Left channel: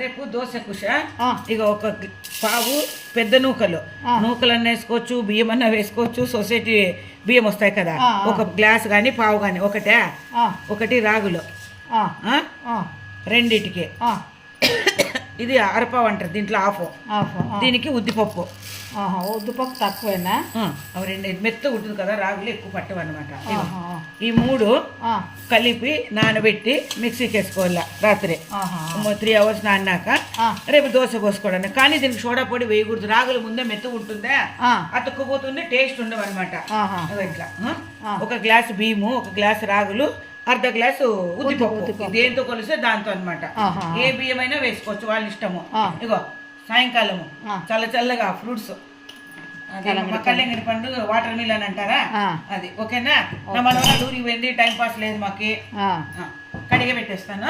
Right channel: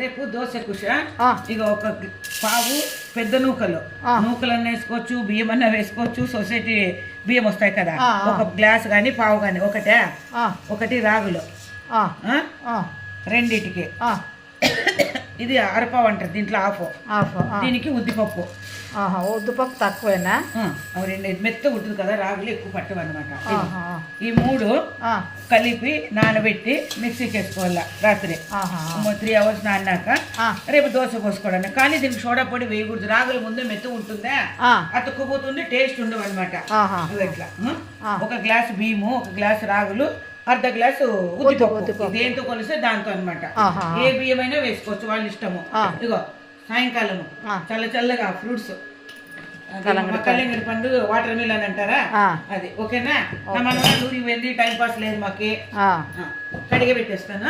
రేపు దోశ కుష ఇక ఒక పావు పెద్ద నూకలన్నా వేసుకోవచ్చు, బియ్యం అన్నా వేసుకోవచ్చు. సొసైటీ బియ్యం వస్తాయి కదా, ఒక గ్లాస్ కానీ పావు కానీ ఒకటి రాగులు రెండిటికి. ఇది అరపావు అంటారు, దీంట్లో హాఫ్. దీనికి ఉద్దిపప్పు. ఉద్దిపప్పు తక్కువేనా? రెండు మెత్త ఉంటుంది కదా, రాగులు ఎక్కువ పట్టవు అనమాట. ఈ 3 కలిపి నానబెట్టి మిక్సీకి వేసుకోవాల రాత్రి 3 hours నాన్నాక రేపు దోశ పోసుకోవడానికి. కానీ దీనికి సోడా పొడి వేయకూడదు, రాగులు ముందే మెత్త ఉంటుందా, అతుక్కుపోతుంది, టేస్ట్ ఉండవు అనమాట. ఇట్లా ఒక గ్లాస్ బియ్యము, ఒక గ్లాస్ రాగులు, అర్ధ గ్లాసు ఉద్దిపప్పు. దేంతో కలిస్తే దాంతో అనమాట. ఏ బియ్యం అయినా వేసుకోవచ్చు, వాళ్ళ ఇష్టము. ఇగో సాయంకాలము చల్లగా ఫ్రూట్స్, కళ్యాణి పండు, వాటర్ మిలన్ అంటారా అది. ఓకేనా? మన ఊరికి వెళ్ళి టైం పాస్ లేదు మాకి, కడిగి పెట్టేస్తాను.